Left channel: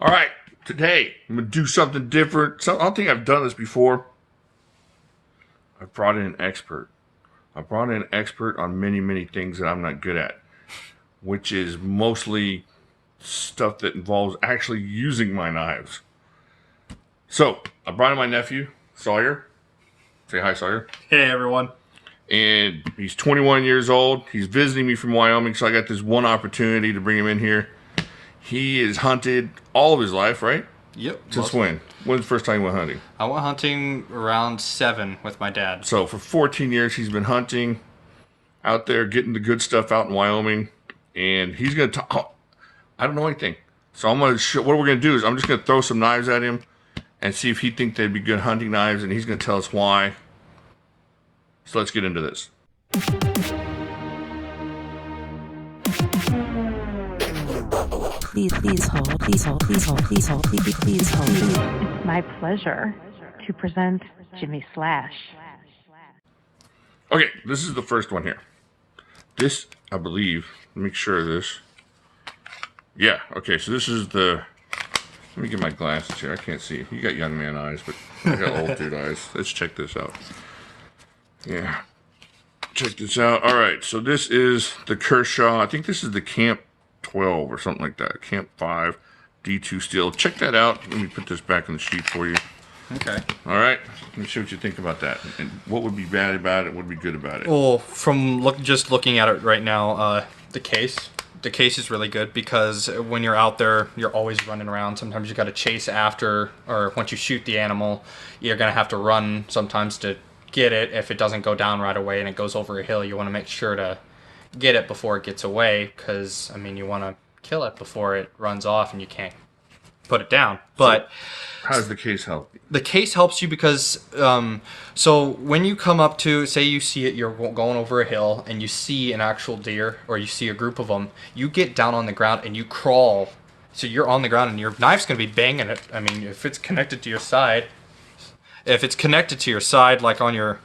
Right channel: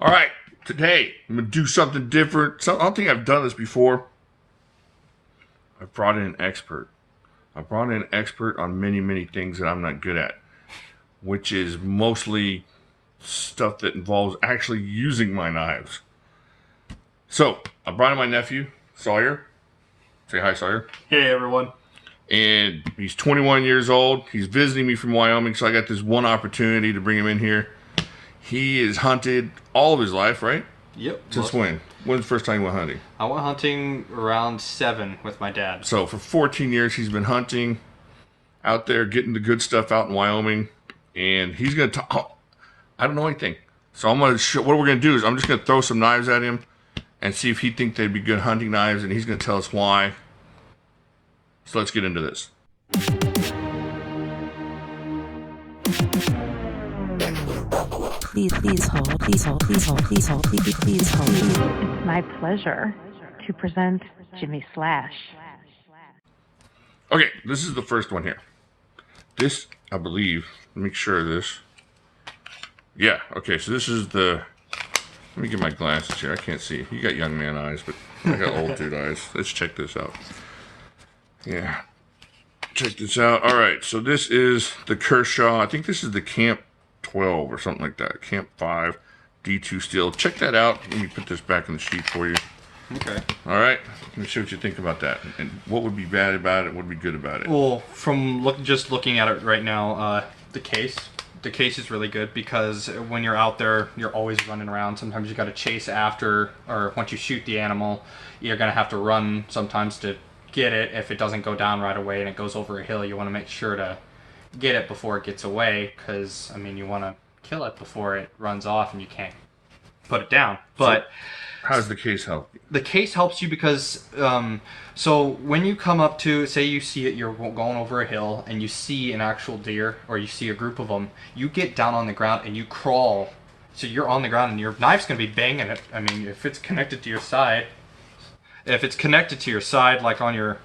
All right, today I'm going to do something different. I don't think I've done this before. I brought in an expert. I brought in an expert on many, many things that I'm not good at, which is mostly stuff that involves actually using my knives. So, I brought in my nephew, Sawyer. Say hi, Sawyer. Hey, everyone. And he's 21 years old. He's visiting me from Wyoming, so I got this one opportunity to bring him in here. He has hunted all of his life, right? Yep. Since when? When's the first time you went hunting? I went hunting around 7 with my dad. So for 14 years, he's been hunting out there, getting the good stuff out in Wyoming. And he's going to talk. I don't know anything. So I'm going to show, what we're going to do is I'm just going to throw some knives at him and see if he thinks they'd be good hunting knives. And he's going to tell us why. So let's get into this. Please hold, please hold, please hold, please hold, please hold. It's my pleasure to present Jimislash. Okay, this is the first one here. This, I believe, make sure of this. Yeah, okay, so this is the, let me get my glasses here. I can't see. You got young man eyes, but I got old dude eyes. Let's check this out. Yeah, check this out. All right, so this is the Kershaw. I think this is the Camp 12 or something like that. Camp 5 D2 steel. Check that out. Let me put this back in the sheet for you. Okay. All right. Let me see what you think about that. And what would be bad about it? What would be good about it? Well, from just looking at it right now, the case is really good because when you're out there, you're always running around. Sometimes you got to chase after, or once you shoot the animal, you're gonna have to run sometimes to get it. If it doesn't go down right away and it goes over a hill, you want to make sure to get it before it gets away, because I mean you want to kill it before it runs off and you can't put it down. But how does the case help you? The case helps you because so when you come up to, say you see it, you're going over a hill and you see an actual deer or you see a group of them, you get down on the ground and you crawl. So you're on the ground and your knife's going to be banging it. I mean, if it's connected to your side, like on your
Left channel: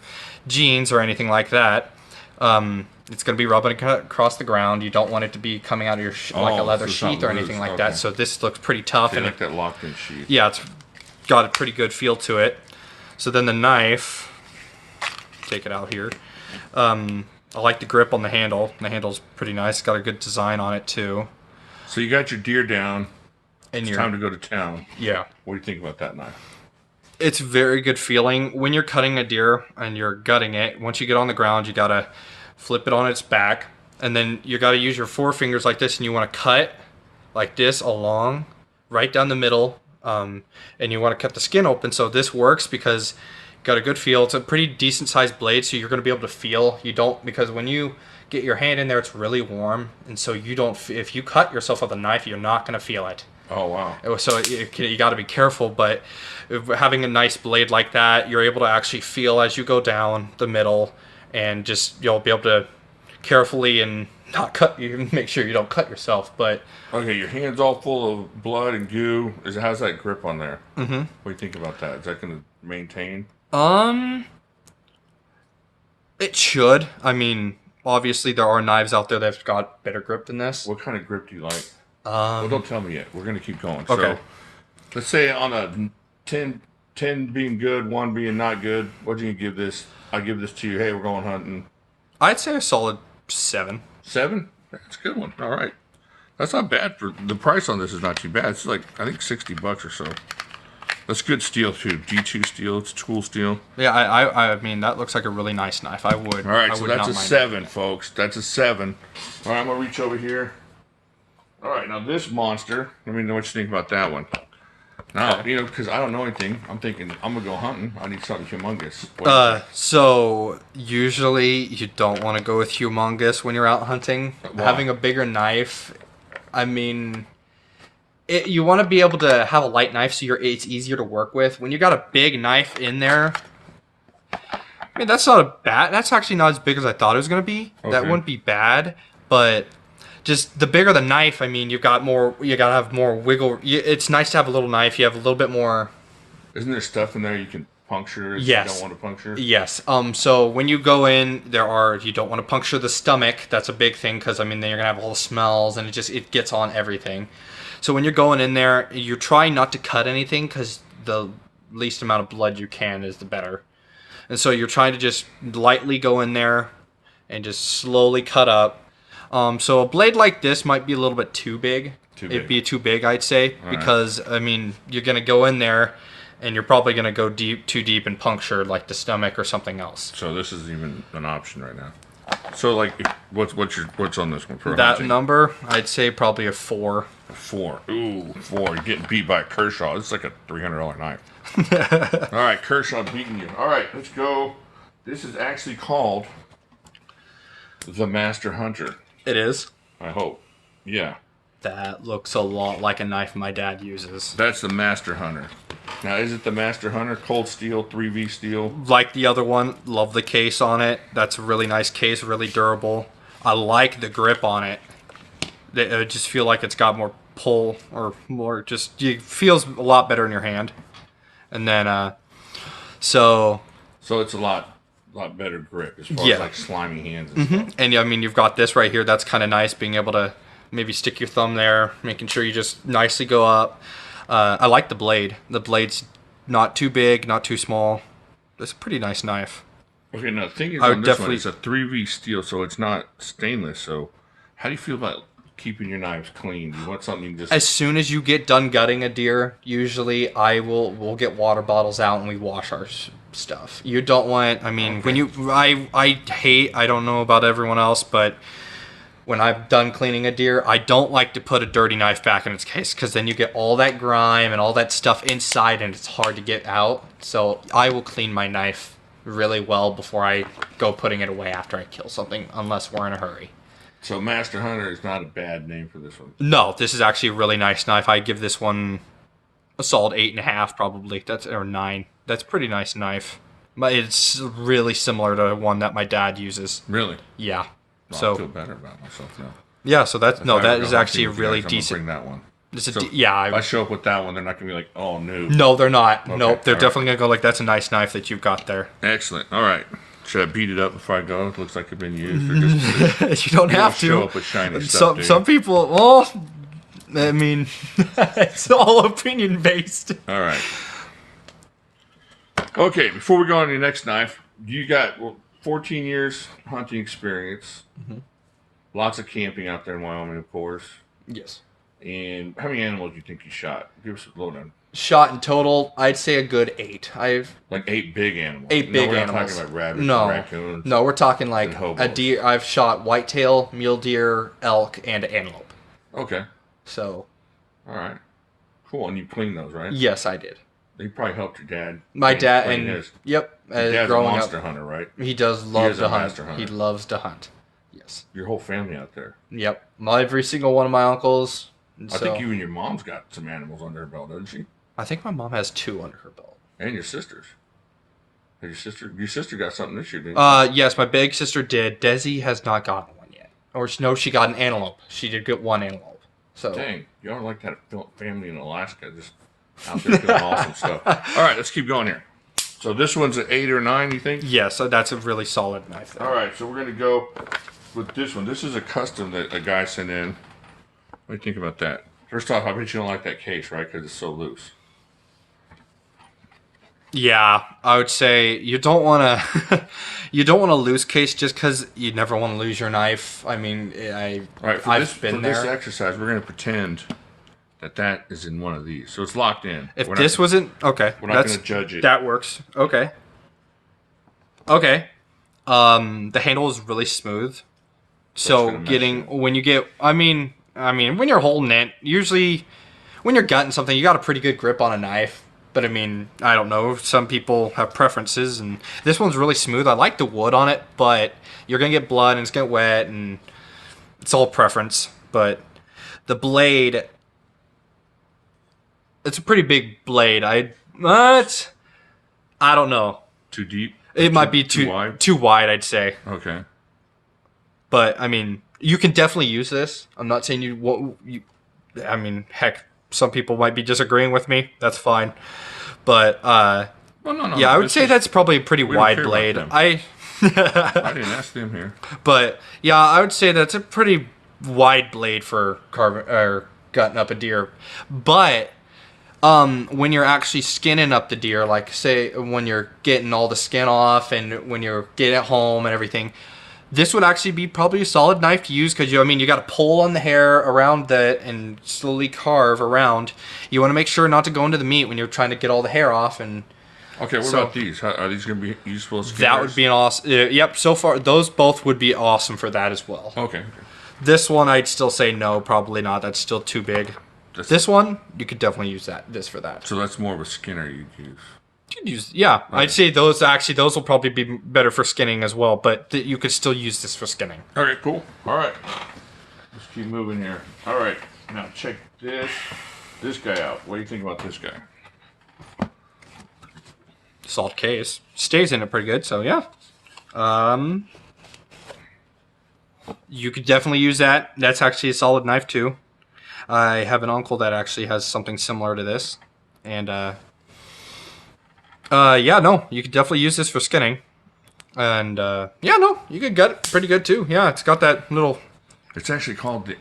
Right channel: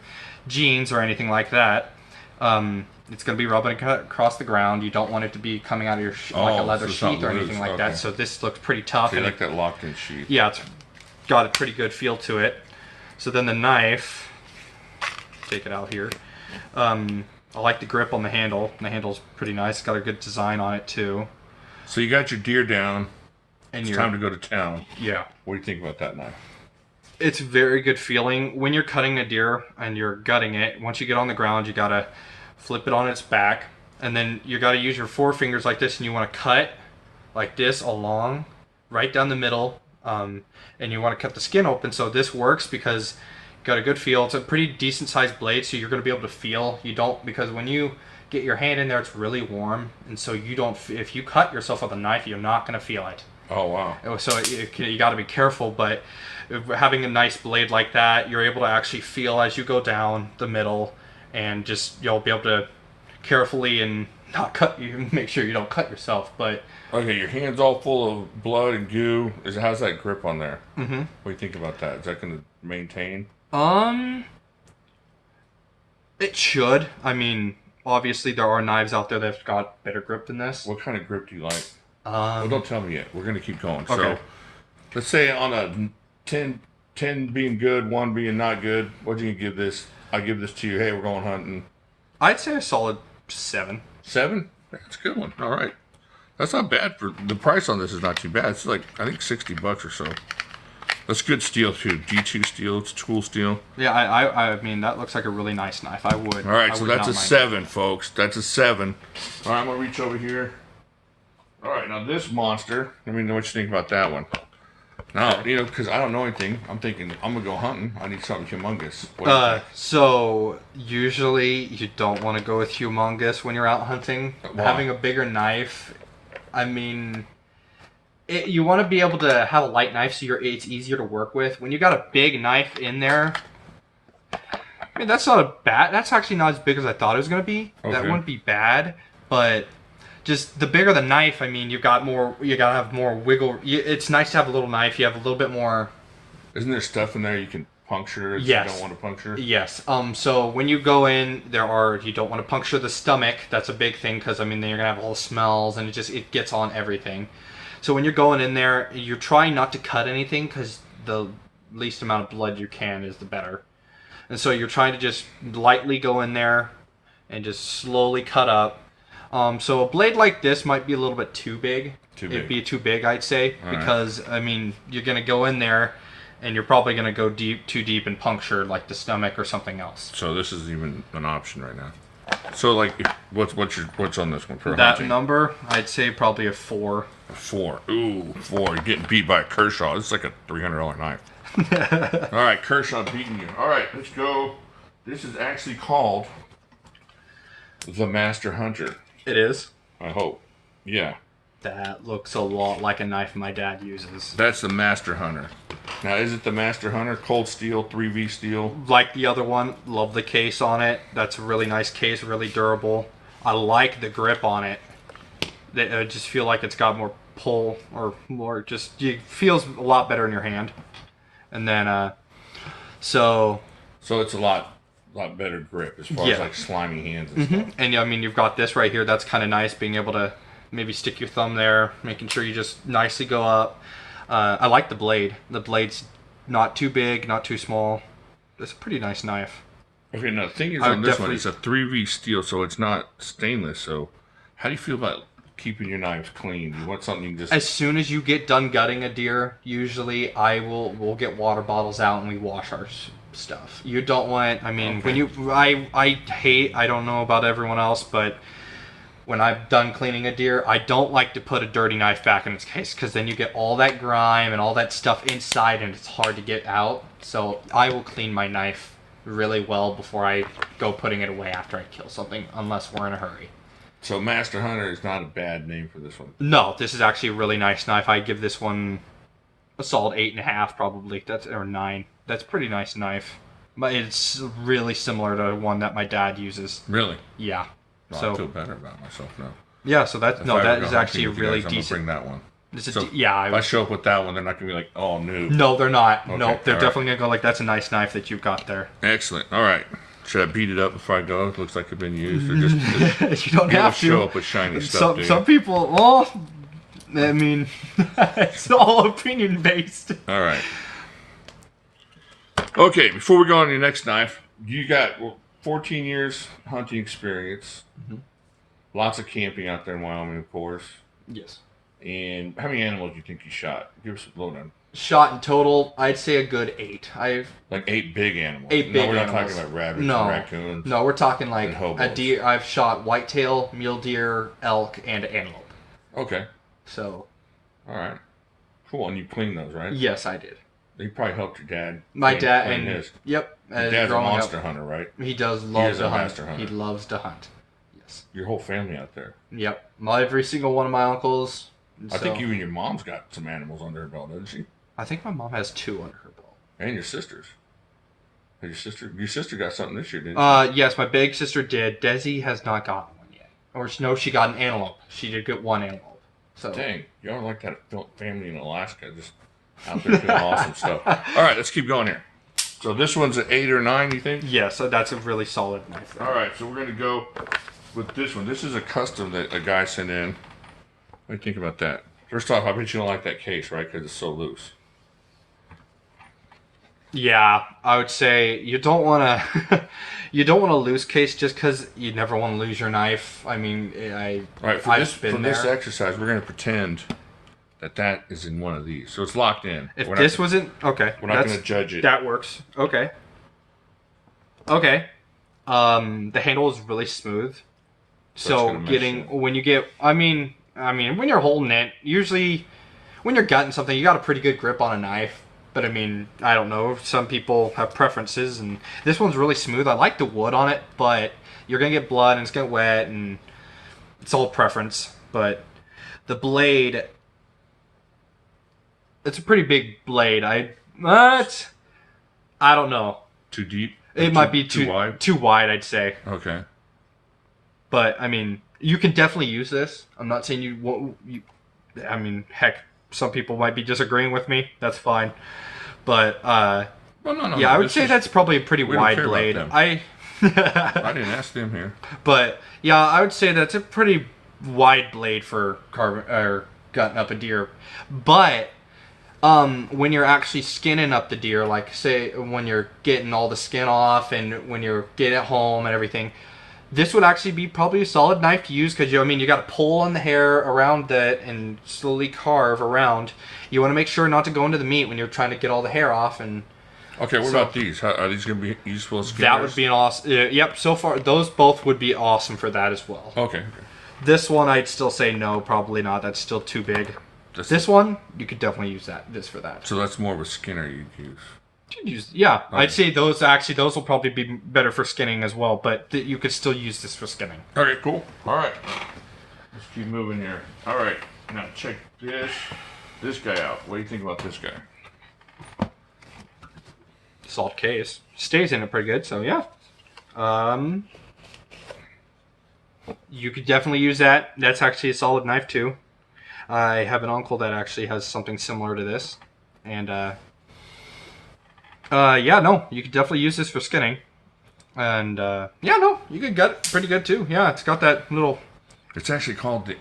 jeans or anything like that, it's going to be rubbing across the ground. You don't want it to be coming out of your like a leather sheath or anything like that. So this looks pretty tough. So you like that locked-in sheath? Yeah, it's got a pretty good feel to it. So then the knife, take it out here. I like the grip on the handle. The handle's pretty nice. It's got a good design on it too. So you got your deer down. And it's time to go to town. Yeah. What do you think about that knife? It's very good feeling. When you're cutting a deer and you're gutting it, once you get on the ground, you gotta flip it on its back, and then you gotta use your forefingers like this, and you want to cut like this along, right down the middle, and you want to cut the skin open. So this works because you got a good feel. It's a pretty decent sized blade, so you're gonna be able to feel. You don't, because when you get your hand in there, it's really warm, and so you don't. If you cut yourself with a knife, you're not gonna feel it. Oh, wow. So you got to be careful, but having a nice blade like that, you're able to actually feel as you go down the middle, and just you'll be able to carefully and not cut. You make sure you don't cut yourself. But okay, your hand's all full of blood and goo. How's that grip on there? Mm-hmm. What do you think about that? Is that going to maintain? It should. I mean, obviously there are knives out there that've got better grip than this. What kind of grip do you like? Well, don't tell me yet. We're going to keep going. Okay. So, let's say on a 10 being good, 1 being not good, what do you give this? I give this to you. Hey, we're going hunting. I'd say a solid 7. 7? That's a good one. All right. That's not bad. For the price on this is not too bad. It's like, I think $60 or so. That's good steel too. D2 steel. It's tool steel. Yeah, I mean, that looks like a really nice knife. I would. All right, so that's a 7, folks. That's a 7. All right, I'm going to reach over here. All right, now this monster, let me know what you think about that one. Now, you know, because I don't know anything, I'm thinking, I'm going to go hunting. I need something humongous. What do you think? So, usually you don't want to go with humongous when you're out hunting. Why? Having a bigger knife, I mean, you want to be able to have a light knife so it's easier to work with. When you got a big knife in there, I mean, that's actually not as big as I thought it was going to be. Okay. That wouldn't be bad, but just the bigger the knife, I mean, you got to have more wiggle. It's nice to have a little knife. You have a little bit more. Isn't there stuff in there you can puncture if Yes. you don't want to puncture? Yes. So when you go in, you don't want to puncture the stomach. That's a big thing because, I mean, then you're going to have all the smells and it gets on everything. So when you're going in there, you're trying not to cut anything because the least amount of blood you can is the better. And so you're trying to just lightly go in there and just slowly cut up. So a blade like this might be a little bit too big. It'd be too big, I'd say, because I mean you're gonna go in there, and you're probably gonna go too deep and puncture like the stomach or something else. So this is even an option right now. So like, what's on this one for that hunting? number? I'd say probably a 4. A 4. Ooh, 4. You're getting beat by a Kershaw. This is like a $300 knife. All right, Kershaw beating you. All right, let's go. This is actually called the Master Hunter. It is. I hope. Yeah. That looks a lot like a knife my dad uses. That's the Master Hunter. Now, is it the Master Hunter? Cold steel, 3V steel? Like the other one, love the case on it. That's a really nice case, really durable. I like the grip on it. I just feel like it's got more pull, or more just, it feels a lot better in your hand. And then, so it's a lot better grip as far as like slimy hands and stuff. And I mean, you've got this right here. That's kind of nice, being able to maybe stick your thumb there, making sure you just nicely go up. I like the blade. The blade's not too big, not too small. It's a pretty nice knife. Okay, now the thing is on this one, it's a 3V steel, so it's not stainless. So how do you feel about keeping your knives clean? Do you want something you can just... As soon as you get done gutting a deer, usually we'll get water bottles out and we wash our stuff. You don't want, I mean, when you, I don't know about everyone else, but when I've done cleaning a deer, I don't like to put a dirty knife back in its case, because then you get all that grime and all that stuff inside and it's hard to get out. So I will clean my knife really well before I go putting it away after I kill something, unless we're in a hurry. So Master Hunter is not a bad name for this one. No, this is actually a really nice knife. I give this one a solid 8.5 probably. Or 9. That's a pretty nice knife. But it's really similar to one that my dad uses. Really? Yeah. Well, So I feel better about myself now. yeah, so that is actually a really I'm decent. gonna bring that one. It's a So yeah. if I show up with that one, they're not gonna be like, oh, no. No, they're not. Okay, Nope, they're all definitely gonna go like, that's a nice knife that you've got there. Excellent. All right. Should I beat it up before I go? It looks like it's been used, or just You don't you have to show up with shiny stuff. Some people, well, I mean, it's all opinion based. All right. Okay, before we go on to your next knife, you got 14 years hunting experience. Lots of camping out there in Wyoming, of course. Yes. And how many animals do you think you shot? Give us a lowdown. Shot in total, I'd say a good 8. Like 8 big animals. 8 big we're not animals. talking about rabbits and raccoons. No, we're talking like and hobos. a deer. I've shot whitetail, mule deer, elk, and antelope. Okay. So. All right. Cool. And you cleaned those, right? Yes, I did. You probably helped your dad. My dad clean and his. yep. Your dad's a growing monster up, hunter, right? he does He love is to a hunt. master hunter. He loves to hunt. Yes. Your whole family out there. Yep. Every single one of my uncles. I think you and your mom's got some animals under her belt, doesn't she? I think my mom has 2 under her belt. And your sisters. Your sister got something this year, didn't she? Yes, my big sister did. Desi has not gotten one yet. Or no, she got an antelope. She did get one antelope. So. Dang, y'all are like that family in Alaska, just out there doing awesome stuff. All right, let's keep going here. So this one's an 8 or 9, you think? Yes, that's a really solid knife. All right, so we're going to go with this one. This is a custom that a guy sent in. What do you think about that? First off, I bet you don't like that case, right? Because it's so loose. Yeah, I would say you don't want to you don't want a loose case just because you never want to lose your knife. I mean, All right, for this exercise, we're going to pretend that is in one of these. So it's locked in. If this wasn't... Okay. We're not going to judge it. That works. Okay. Okay. The handle is really smooth. So when you get... I mean, when you're holding it, usually when you're gutting something, you got a pretty good grip on a knife. But I mean, I don't know. Some people have preferences, and this one's really smooth. I like the wood on it, but you're going to get blood and it's going to get wet, and it's all preference. But the blade... It's a pretty big blade. I don't know. Too deep? It might be too wide? Too wide, I'd say. Okay. But, I mean, you can definitely use this. I'm not saying you won't... I mean, heck, some people might be disagreeing with me. That's fine. But, well, no. Yeah, I would say that's probably a pretty wide blade. I didn't ask them here. But, yeah, I would say that's a pretty wide blade for gutting up a deer. But when you're actually skinning up the deer, like say when you're getting all the skin off and when you're getting it home and everything, this would actually be probably a solid knife to use because you got to pull on the hair around that and slowly carve around. You want to make sure not to go into the meat when you're trying to get all the hair off. And okay, what about these? Are these going to be useful as skinners? That would be an awesome. Yep. So far, those both would be awesome for that as well. Okay. This one, I'd still say no, probably not. That's still too big. This one, you could definitely use this for that. So that's more of a skinner you'd use. Yeah, okay. I'd say those will probably be better for skinning as well, but you could still use this for skinning. Okay, cool. All right. Let's keep moving here. All right. Now check this guy out. What do you think about this guy? Salt case. Stays in it pretty good, so yeah. You could definitely use that. That's actually a solid knife too. I have an uncle that actually has something similar to this. And yeah, no, you could definitely use this for skinning. And yeah, no, you could gut it pretty good too. Yeah, it's got that little... It's actually called the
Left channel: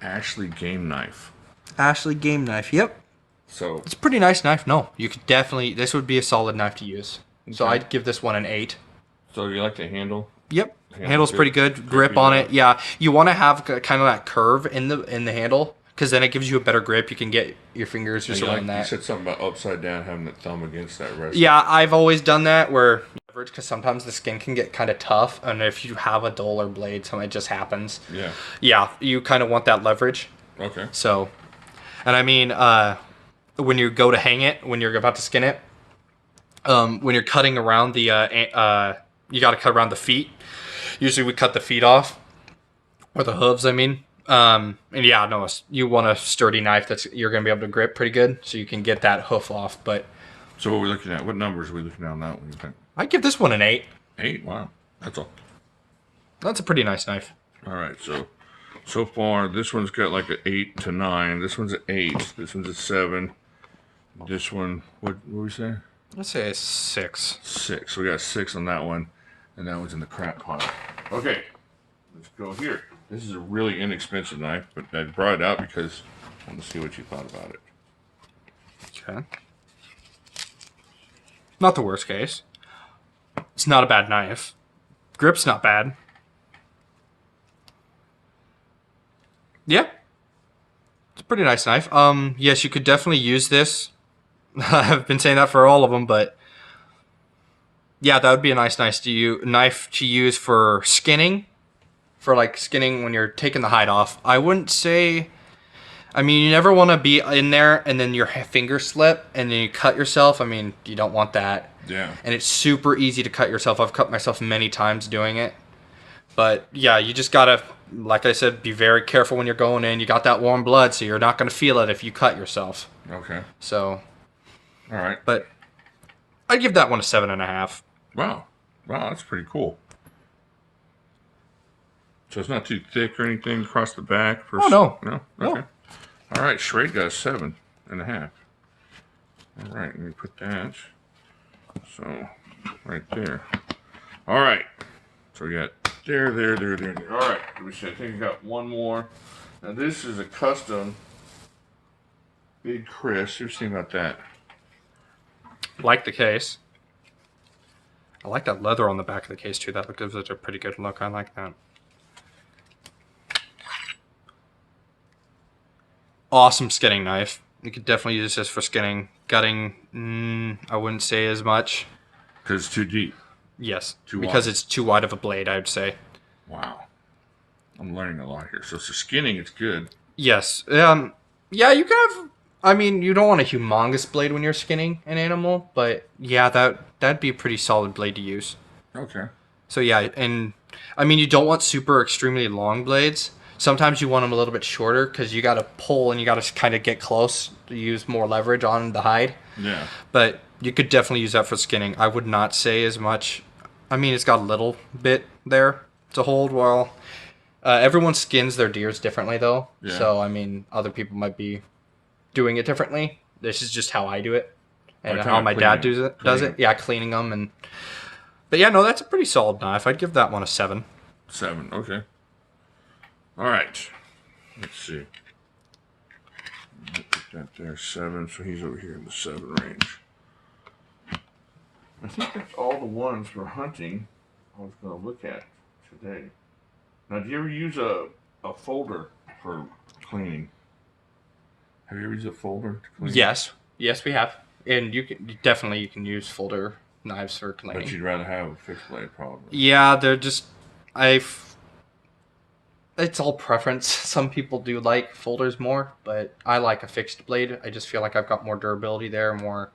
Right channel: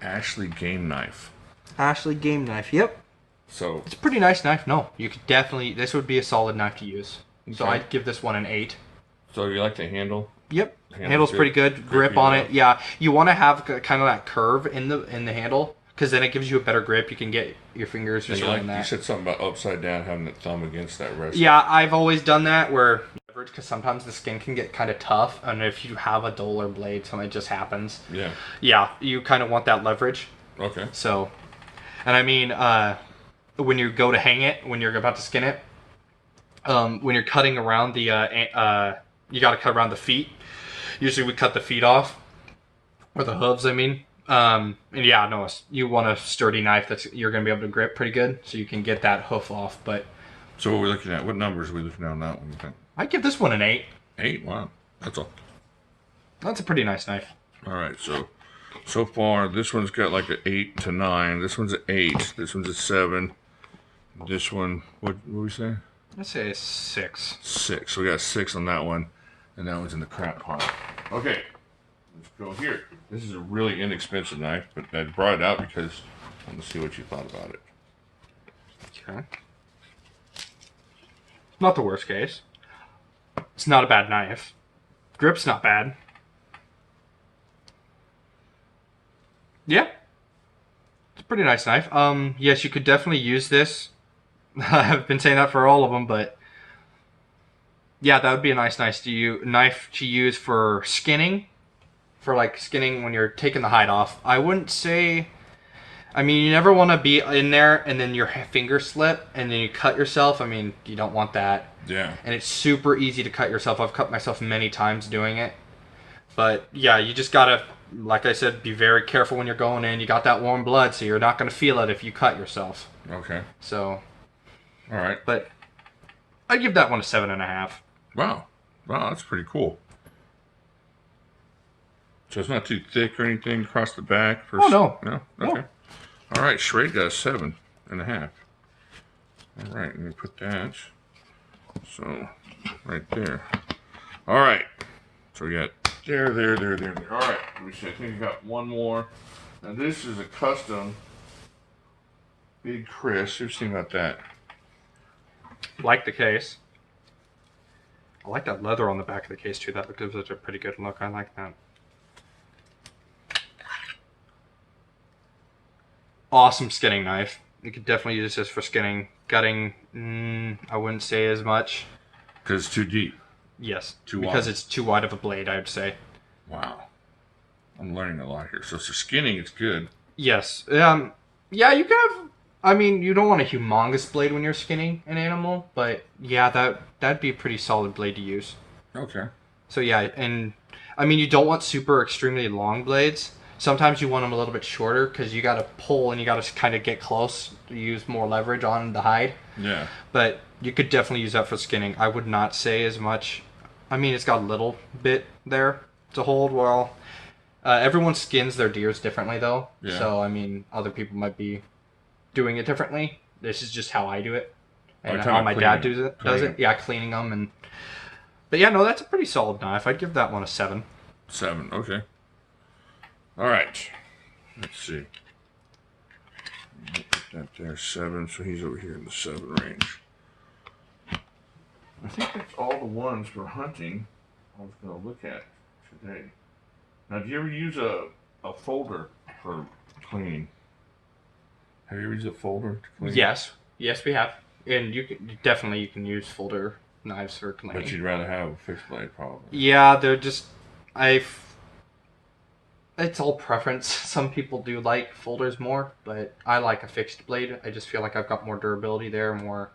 Ashley game knife. Ashley game knife, yep. So it's a pretty nice knife. No, you could definitely... This would be a solid knife to use. So okay. I'd give this one an 8. So you like the handle? Yep. Handle's pretty good. Grip on it. Yeah. You want to have kind of that curve in the handle because then it gives you a better grip. You can get your fingers just on that. You said something about upside down, having the thumb against that rest. Yeah, I've always done that where because sometimes the skin can get kind of tough, and if you have a duller blade, something just happens. Yeah. Yeah, you kind of want that leverage. Okay. So, and I mean, when you go to hang it, when you're about to skin it, when you're cutting around the, you got to cut around the feet. Usually we cut the feet off, or the hooves, I mean. And yeah, no, you want a sturdy knife that's you're going to be able to grip pretty good, so you can get that hoof off. But so what are we looking at? What numbers are we looking at on that one, you think? I'd give this one an 8. 8? Wow. That's all. That's a pretty nice knife. All right, so far, this one's got like an 8 to 9. This one's an 8. This one's a 7. This one, what we say? Let's say a 6. 6. So we got 6 on that one, and that one's in the crap pile. Okay, let's go here. This is a really inexpensive knife, but I brought it out because I want to see what you thought about it. Okay. Not the worst case. It's not a bad knife. Grip's not bad. Yeah. It's a pretty nice knife. Yes, you could definitely use this. I've been saying that for all of them, but yeah, that would be a nice knife to use for skinning. For like skinning when you're taking the hide off. I wouldn't say... I mean, you never want to be in there and then your finger slip and then you cut yourself. I mean, you don't want that. Yeah. And it's super easy to cut yourself. I've cut myself many times doing it. But yeah, you just gotta, like I said, be very careful when you're going in. You got that warm blood, so you're not gonna feel it if you cut yourself. Okay. So. All right. But I'd give that one a 7.5. Wow. Wow, that's pretty cool. So it's not too thick or anything across the back? Oh, no. No? Okay. No. All right, Schrade got a 7.5. All right, let me put that. So, right there. All right. So we got there. All right, let me see. I think I got one more. Now this is a custom Big Chris. Who's thinking about that? Like the case. I like that leather on the back of the case too. That gives it a pretty good look. I like that. Awesome skinning knife. You could definitely use this for skinning. Gutting, I wouldn't say as much. Because it's too deep. Yes. Too because wide. it's too wide of a blade, I would say. Wow. I'm learning a lot here. So for skinning, it's good. Yes. Yeah, you can have... I mean, you don't want a humongous blade when you're skinning an animal, but yeah, that'd be a pretty solid blade to use. Okay. So yeah, and I mean, you don't want super extremely long blades. Sometimes you want them a little bit shorter because you got to pull and you got to kind of get close to use more leverage on the hide. Yeah. But you could definitely use that for skinning. I would not say as much. I mean, it's got a little bit there to hold while... everyone skins their deers differently, though. Yeah. So, I mean, other people might be doing it differently. This is just how I do it. And how my dad does it. Yeah, cleaning them. But yeah, no, that's a pretty solid knife. I'd give that one a 7. 7, okay. All right. Let's see. Put that there, 7. So he's over here in the 7 range. I think that's all the ones for hunting I was going to look at today. Now, do you ever use a folder for cleaning? Have you ever used a folder to clean? Yes, we have, and you can use folder knives for cleaning. But you'd rather have a fixed blade, probably. Yeah, they're just it's all preference. Some people do like folders more, but I like a fixed blade. I just feel like I've got more durability there, more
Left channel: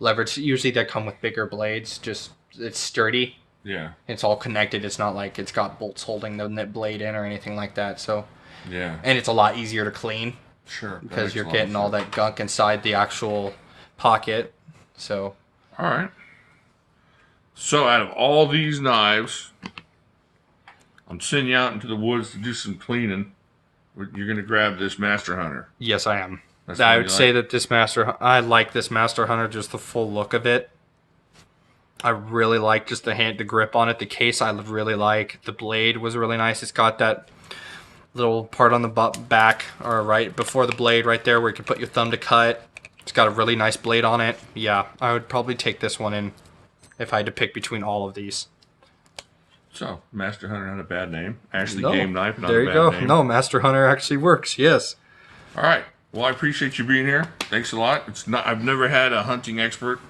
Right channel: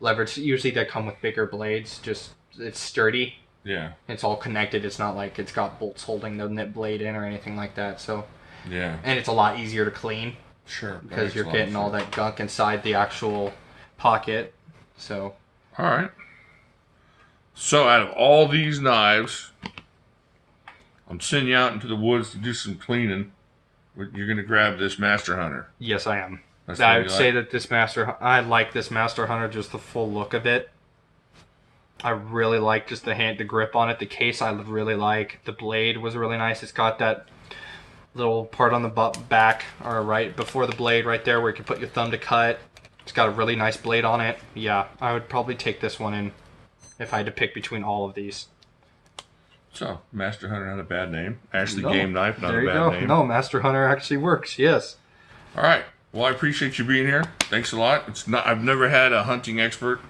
leverage. Usually they come with bigger blades. Just it's sturdy. Yeah. It's all connected. It's not like it's got bolts holding the nip blade in or anything like that. So. Yeah. And it's a lot easier to clean. Sure. Because you're getting all that gunk inside the actual pocket. So. All right. So out of all these knives, I'm sending you out into the woods to do some cleaning. You're going to grab this Master Hunter. Yes, I am. That's I would say that I like this Master Hunter, just the full look of it. I really like just the grip on it. The case I really like. The blade was really nice. It's got that little part on the back, or right before the blade right there where you can put your thumb to cut. It's got a really nice blade on it. Yeah, I would probably take this one in if I had to pick between all of these. So, Master Hunter, not a bad name. Ashley No, Game Knife, not there a you bad go. name. No, Master Hunter actually works, yes. All right. Well, I appreciate you being here. Thanks a lot. I've never had a hunting expert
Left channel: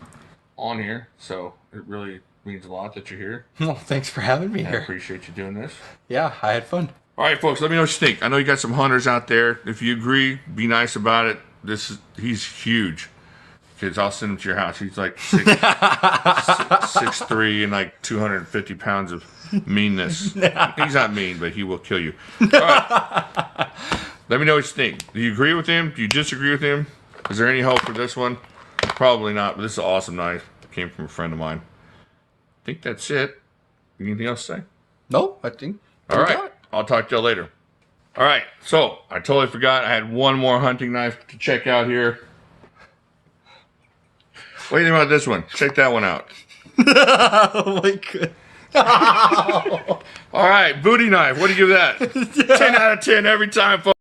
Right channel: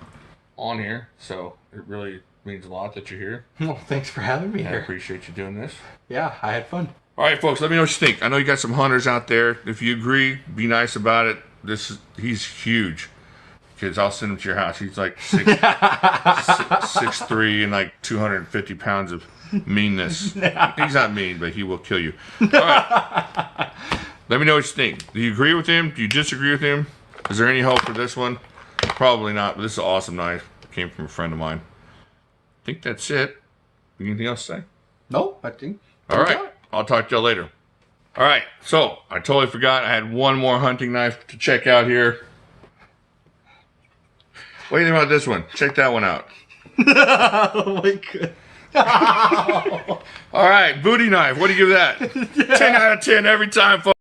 on here, so it really means a lot that you're here. Well, thanks for having me I here. appreciate you doing this. Yeah, I had fun. All right, folks, let me know what you think. I know you got some hunters out there. If you agree, be nice about it. He's huge. Because I'll send him to your house. He's like 6'3" and like 250 pounds of meanness. He's not mean, but he will kill you. All right. Let me know what you think. Do you agree with him? Do you disagree with him? Is there any hope for this one? Probably not, but this is an awesome knife. It came from a friend of mine. I think that's it. Anything else to say? No, I think. All right. I'll talk to y'all later. All right. So, I totally forgot. I had one more hunting knife to check out here. What do you think about this one? Check that one out. Oh my god. All right, booty knife. What do you give that? 10 out of 10 every time, folks.